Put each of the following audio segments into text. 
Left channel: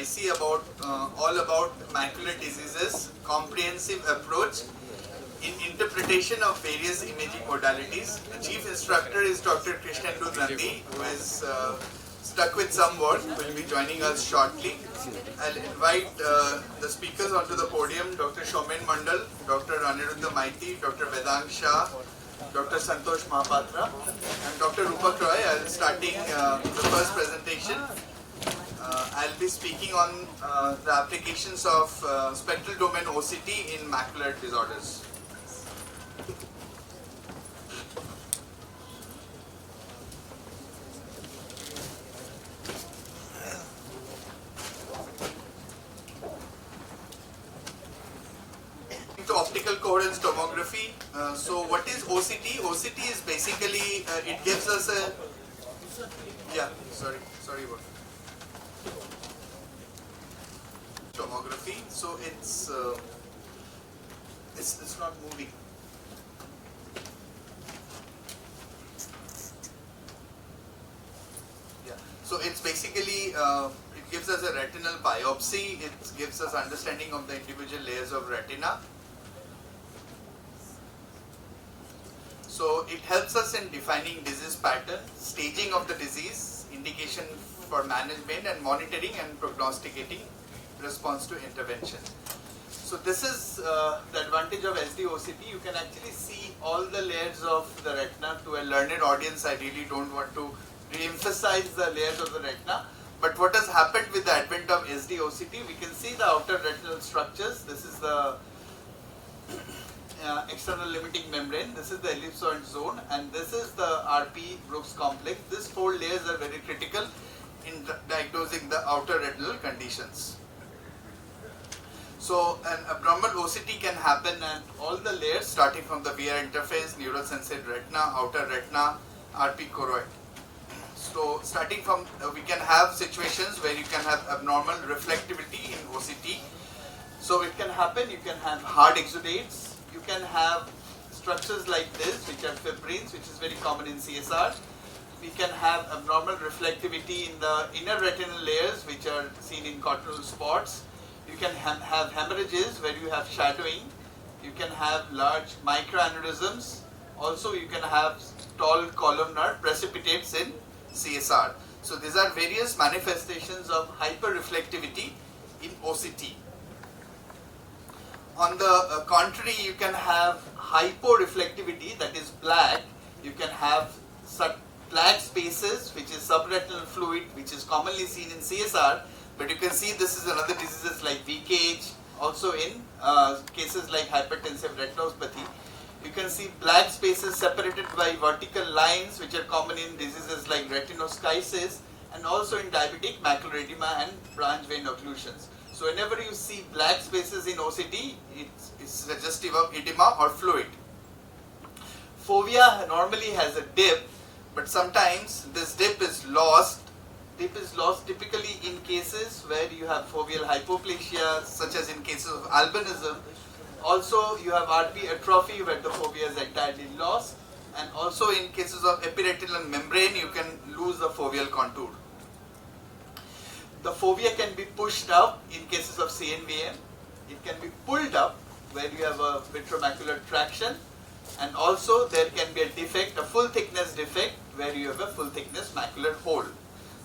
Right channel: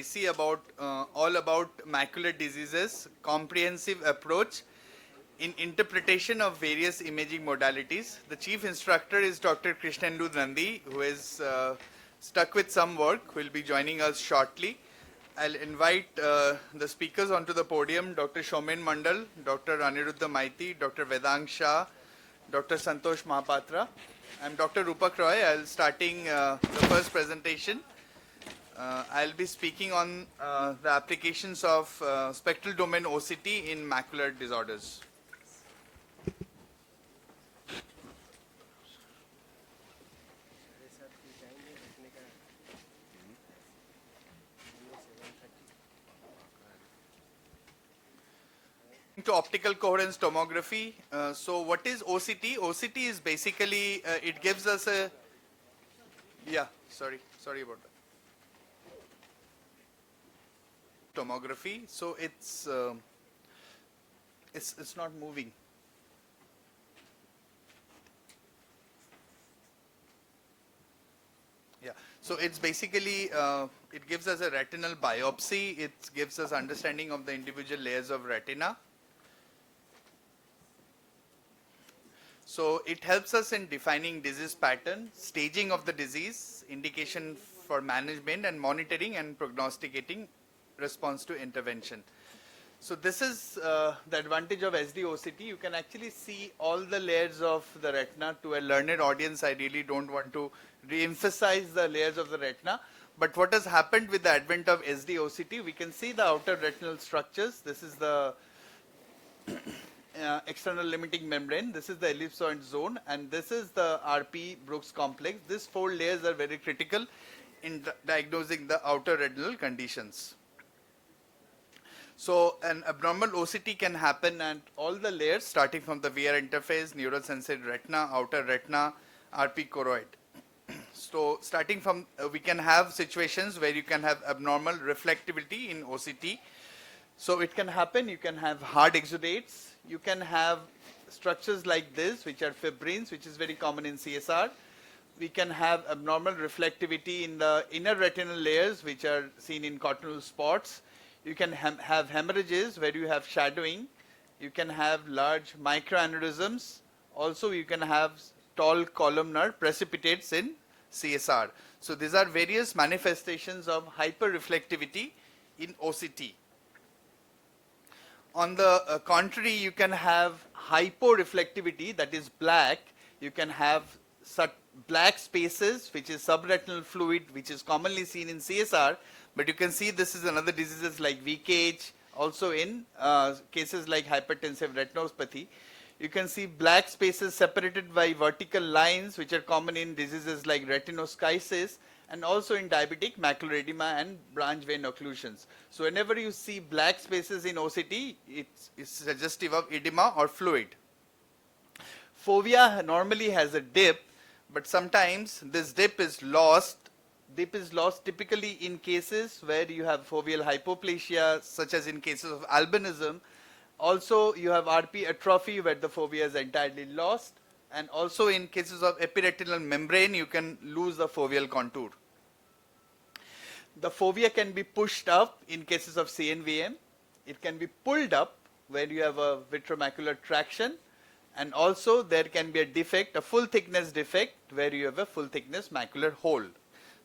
IC about all about macular diseases, comprehensive approach in interpretation of various imaging modalities. The chief instructor is Dr. Krishnendu Nandi, who is stuck with some work, will be joining us shortly. I'll invite the speakers onto the podium, Dr. Shomen Mandal, Dr. Aniruddha Maiti, Dr. Vedang Shah, Dr. Santosh Mahapatra, and Dr. Rupak Roy. I'll starting the first presentation. I'll be speaking on the applications of spectral domain OCT in macular disorders. To optical coherence tomography. So what is OCT? OCT is basically, it gives us a, sorry about tomography. So it's not moving. Yeah. So it's basically it gives us a retinal biopsy. It gives us understanding of the individual layers of retina. So it helps us in defining disease pattern, staging of the disease, indication for management and monitoring and prognosticating response to intervention. So this is the advantage of SD-OCT. You can actually see all the layers of the retina. To a learned audience, I really don't want to re-emphasize the layers of the retina. But what has happened with the advent of SD-OCT, we can see the outer retinal structures. This is the external limiting membrane, this is the ellipsoid zone, and this is the RP Brooks complex. These four layers are very critical in diagnosing the outer retinal conditions. So an abnormal OCT can happen at all the layers starting from the VR interface, neurosensory retina, outer retina, RP choroid. So starting from, we can have situations where you can have abnormal reflectivity in OCT. So it can happen, you can have hard exudates, you can have structures like this, which are fibrins, which is very common in CSR. We can have abnormal reflectivity in the inner retinal layers, which are seen in cortical spots. You can have hemorrhages where you have shadowing. You can have large microaneurysms. Also, you can have tall columnar precipitates in CSR. So these are various manifestations of hyperreflectivity in OCT. On the contrary, you can have hyporeflectivity, that is black. You can have black spaces, which is subretinal fluid, which is commonly seen in CSR. But you can see this is another diseases like VKH, also in cases like hypertensive retinopathy. You can see black spaces separated by vertical lines, which are common in diseases like retinoschisis, and also in diabetic macular edema and branch vein occlusions. So whenever you see black spaces in OCT, it's suggestive of edema or fluid. Fovea normally has a dip, but sometimes this dip is lost. Dip is lost typically in cases where you have foveal hypoplasia, such as in cases of albinism. Also, you have RP atrophy where the fovea is entirely lost, and also in cases of epiretinal membrane, you can lose the foveal contour. The fovea can be pushed up in cases of CNVM. It can be pulled up where you have a vitromacular traction, and also there can be a defect, a full thickness defect, where you have a full thickness macular hole.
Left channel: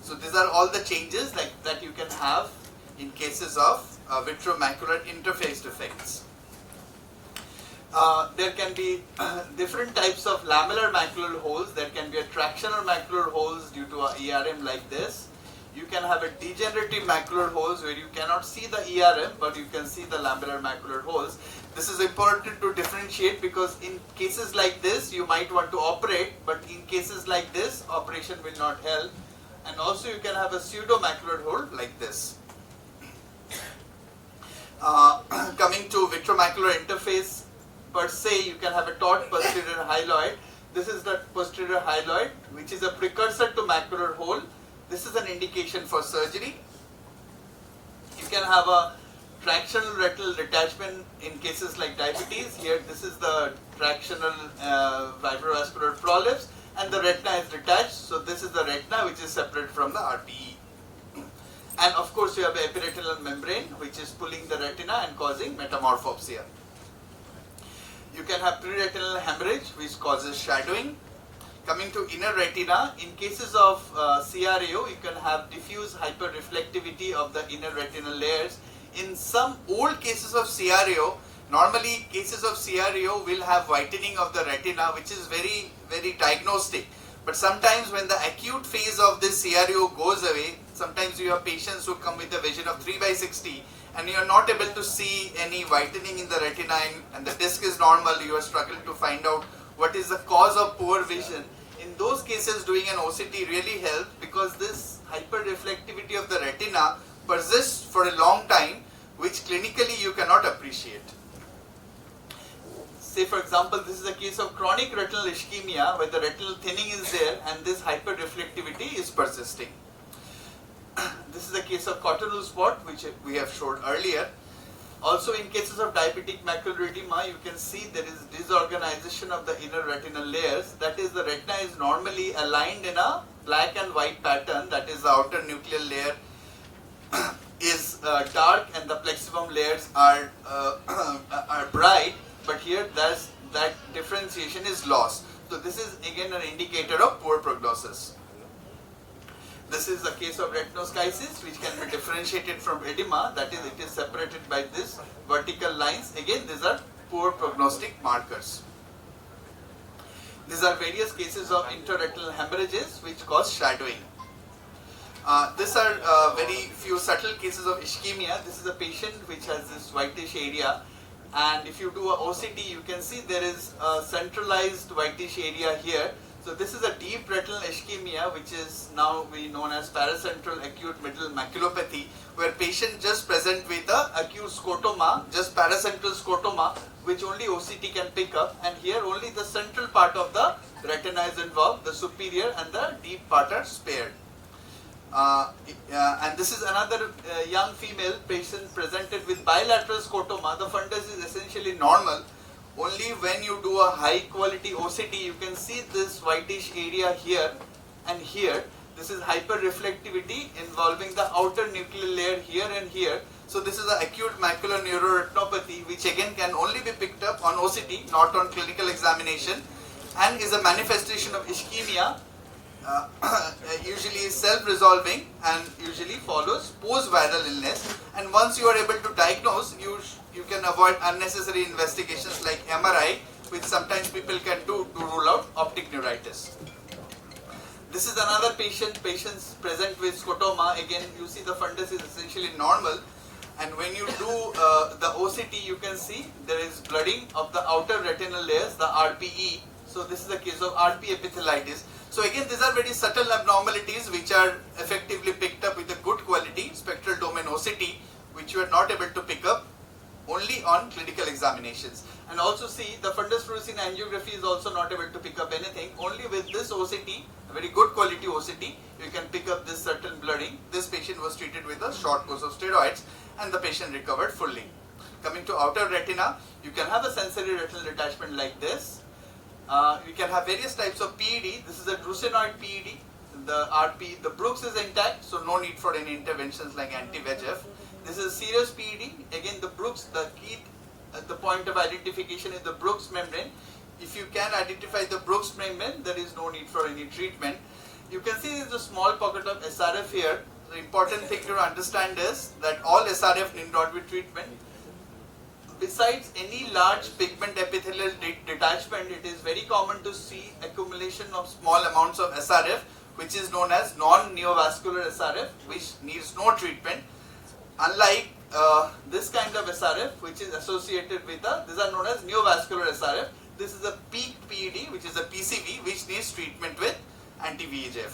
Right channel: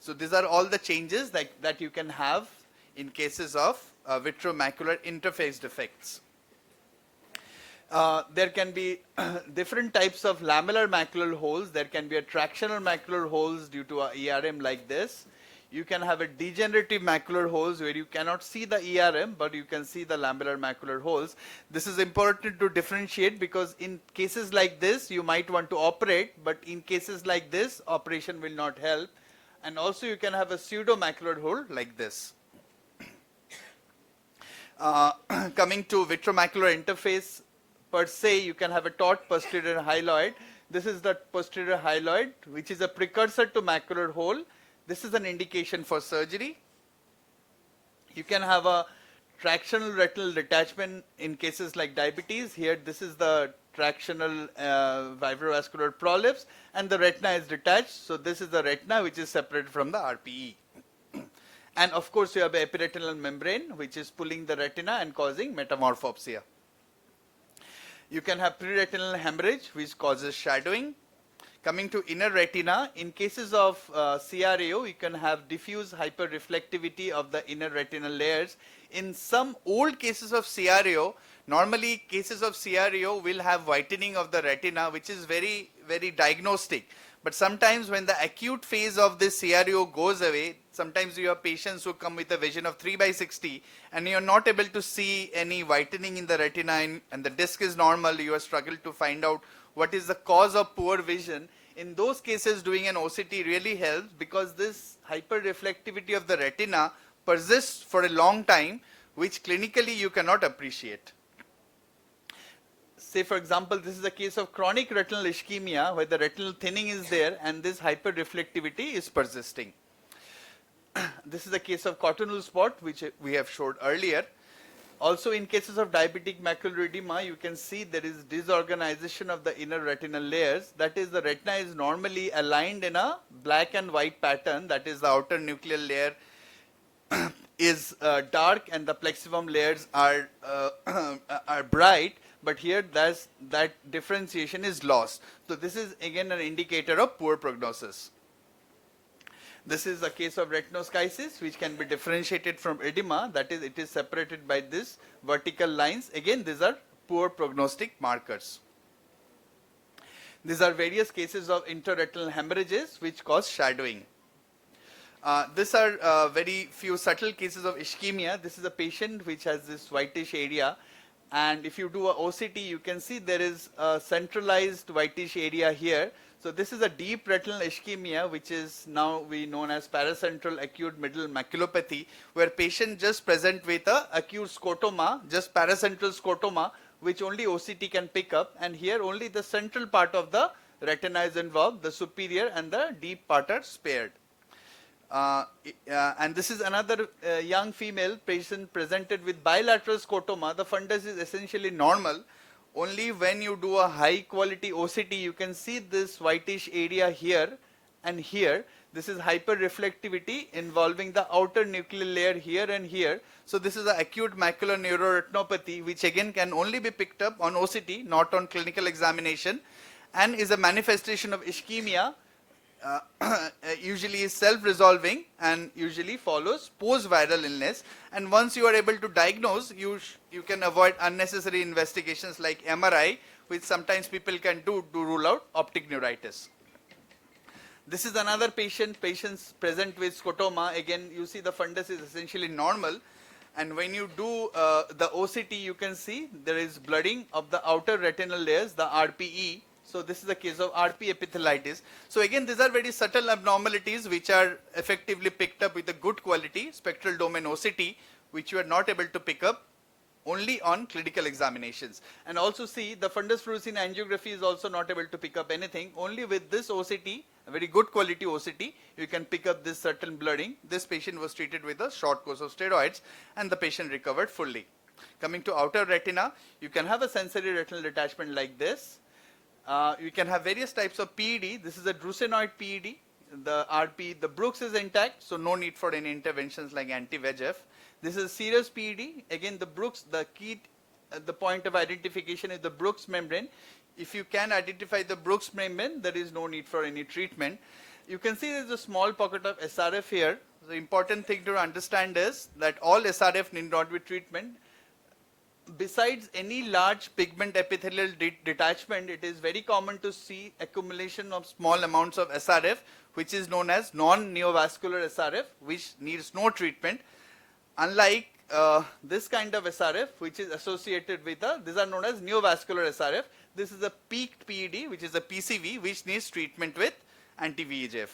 So these are all the changes that you can have in cases of vitromacular interface defects. There can be different types of lamellar macular holes. There can be a tractional macular holes due to a ERM like this. You can have a degenerative macular holes where you cannot see the ERM, but you can see the lamellar macular holes. This is important to differentiate because in cases like this, you might want to operate, but in cases like this, operation will not help. And also you can have a pseudo-macular hole like this. Coming to vitromacular interface per se, you can have a taut posterior hyaloid. This is the posterior hyaloid, which is a precursor to macular hole. This is an indication for surgery. You can have a tractional retinal detachment in cases like diabetes. Here, this is the tractional fibrovascular prolapse, and the retina is detached. So this is the retina which is separate from the RPE. And of course you have the epiretinal membrane which is pulling the retina and causing metamorphopsia. You can have preretinal hemorrhage which causes shadowing. Coming to inner retina, in cases of CRAO, you can have diffuse hyperreflectivity of the inner retinal layers. In some old cases of CRAO, normally cases of CRAO will have whitening of the retina, which is very, very diagnostic. But sometimes when the acute phase of this CRAO goes away, sometimes you have patients who come with a vision of 3/60 and you are not able to see any whitening in the retina and the disc is normal, you are struggling to find out what is the cause of poor vision. In those cases, doing an OCT really helps because this hyperreflectivity of the retina persists for a long time, which clinically you cannot appreciate. Say for example, this is a case of chronic retinal ischemia where the retinal thinning is there and this hyperreflectivity is persisting. This is a case of cottonwool spot which we have showed earlier. Also in cases of diabetic macular edema, you can see there is disorganization of the inner retinal layers. That is, the retina is normally aligned in a black and white pattern, that is the outer nuclear layer is dark and the plexivum layers are bright, but here that differentiation is lost. So this is again an indicator of poor prognosis. This is a case of retinoschisis which can be differentiated from edema, that is, it is separated by this vertical lines. Again, these are poor prognostic markers. These are various cases of intraretinal hemorrhages which cause shadowing. These are very few subtle cases of ischemia. This is a patient which has this whitish area, and if you do a OCT, you can see there is a centralized whitish area here. So this is a deep retinal ischemia which is now known as paracentral acute middle maculopathy, where patient just present with a acute scotoma, just paracentral scotoma, which only OCT can pick up, and here only the central part of the retina is involved, the superior and the deep part are spared. And this is another young female patient presented with bilateral scotoma. The fundus is essentially normal. Only when you do a high quality OCT, you can see this whitish area here and here. This is hyperreflectivity involving the outer nuclear layer here and here. So this is an acute macular neuroretinopathy which again can only be picked up on OCT, not on clinical examination, and is a manifestation of ischemia. Usually is self-resolving and usually follows post-viral illness, and once you are able to diagnose, you can avoid unnecessary investigations like MRI, which sometimes people can do to rule out optic neuritis. This is another patients present with scotoma. Again, you see the fundus is essentially normal, and when you do the OCT, you can see there is blooding of the outer retinal layers, the RPE. So this is the case of RP epitheliitis. So again, these are very subtle abnormalities which are effectively picked up with a good quality spectral domain OCT, which you are not able to pick up only on clinical examinations. And also see, the fundus fluorescein angiography is also not able to pick up anything. Only with this OCT, a very good quality OCT, you can pick up this certain blooding. This patient was treated with a short course of steroids and the patient recovered fully. Coming to outer retina, you can have a sensory retinal detachment like this. You can have various types of PED. This is a drucenoid PED. The RP, the Brooks is intact, so no need for any interventions like anti-VEGF. This is serous PED. Again, the Brooks, the key, the point of identification is the Brooks membrane. If you can identify the Brooks membrane, there is no need for any treatment. You can see there is a small pocket of SRF here. The important thing to understand is that all SRF need not be treatment. Besides any large pigment epithelial detachment, it is very common to see accumulation of small amounts of SRF, which is known as non-neovascular SRF, which needs no treatment. Unlike this kind of SRF, which is associated with these are known as neovascular SRF. This is a peaked PED, which is a PCV, which needs treatment with anti-VEGF.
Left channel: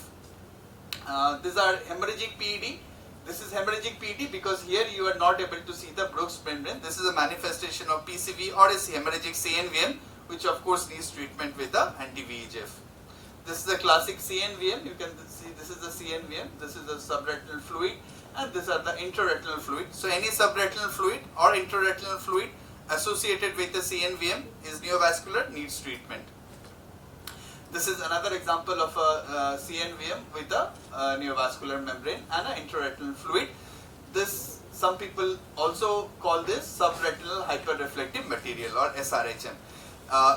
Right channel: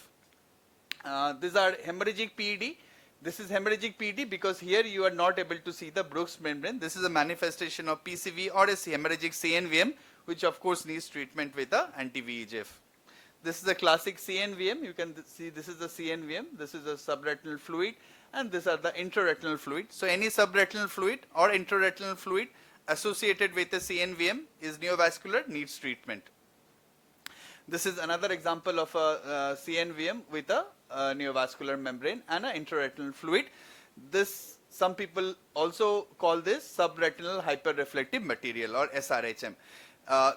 These are hemorrhagic PED. This is hemorrhagic PED because here you are not able to see the Brooks membrane. This is a manifestation of PCV or a hemorrhagic CNVM, which of course needs treatment with the anti-VEGF. This is a classic CNVM. You can see this is the CNVM. This is the subretinal fluid, and these are the intraretinal fluid. So any subretinal fluid or intraretinal fluid associated with the CNVM is neovascular, needs treatment. This is another example of a CNVM with a neovascular membrane and an intraretinal fluid. This, some people also call this subretinal hyperreflective material or SRHM.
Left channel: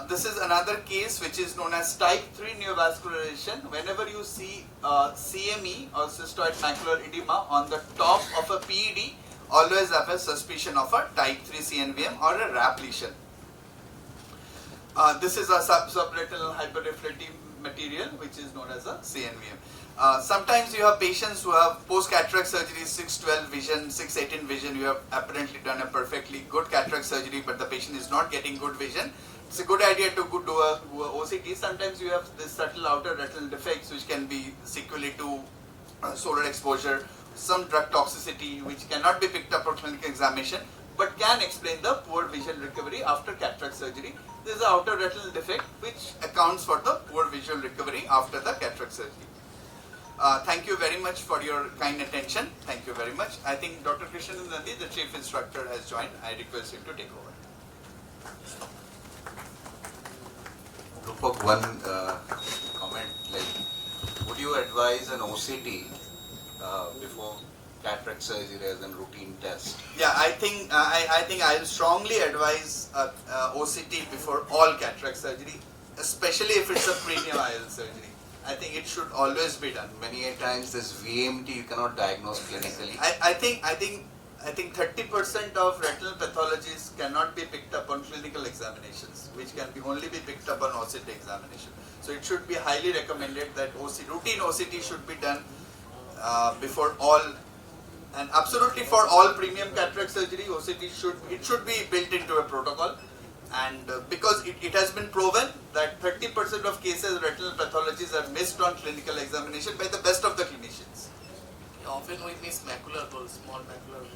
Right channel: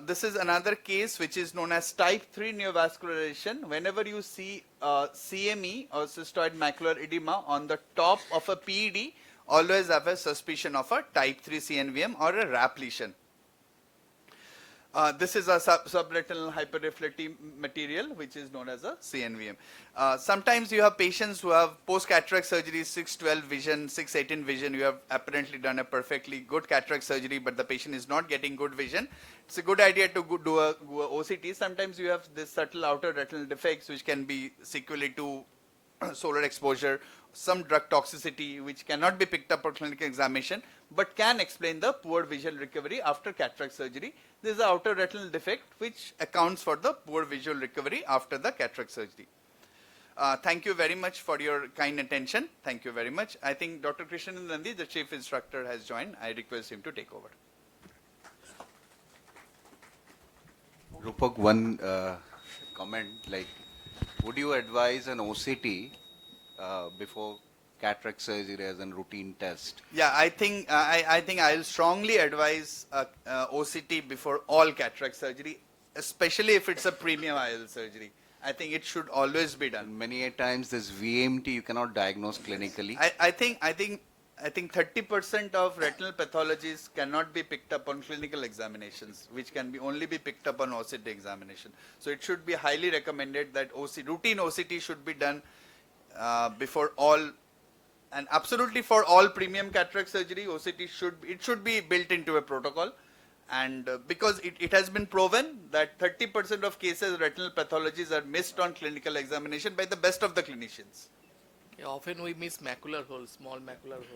This is another case which is known as type 3 neovascularization. Whenever you see CME or cystoid macular edema on the top of a PED, always have a suspicion of a type 3 CNVM or a RAP lesion. This is a subretinal hyperreflective material which is known as a CNVM. Sometimes you have patients who have post-cataract surgery, 612 vision, 618 vision. You have apparently done a perfectly good cataract surgery, but the patient is not getting good vision. It's a good idea to do a OCT. Sometimes you have this subtle outer retinal defects which can be sequelae to solar exposure, some drug toxicity which cannot be picked up on clinical examination, but can explain the poor vision recovery after cataract surgery. This is the outer retinal defect which accounts for the poor visual recovery after the cataract surgery. Thank you very much for your kind attention. Thank you very much. I think Dr. Krishnan Nandi, the chief instructor, has joined. I request him to take over. Rupak, one comment, like, would you advise an OCT before cataract surgery as a routine test? Yeah, I think I'll strongly advise OCT before all cataract surgery, especially if it's a premium IOL surgery. I think it should always be done. Many a times this VMT you cannot diagnose clinically. I think 30% of retinal pathologies cannot be picked up on clinical examinations, which can only be picked up on OCT examination. So it should be highly recommended that routine OCT should be done before all, and absolutely for all premium cataract surgery, OCT should be built into a protocol. And because it has been proven that 30% of cases retinal pathologies are missed on clinical examination by the best of the clinicians. Often we miss macular holes, small macular holes.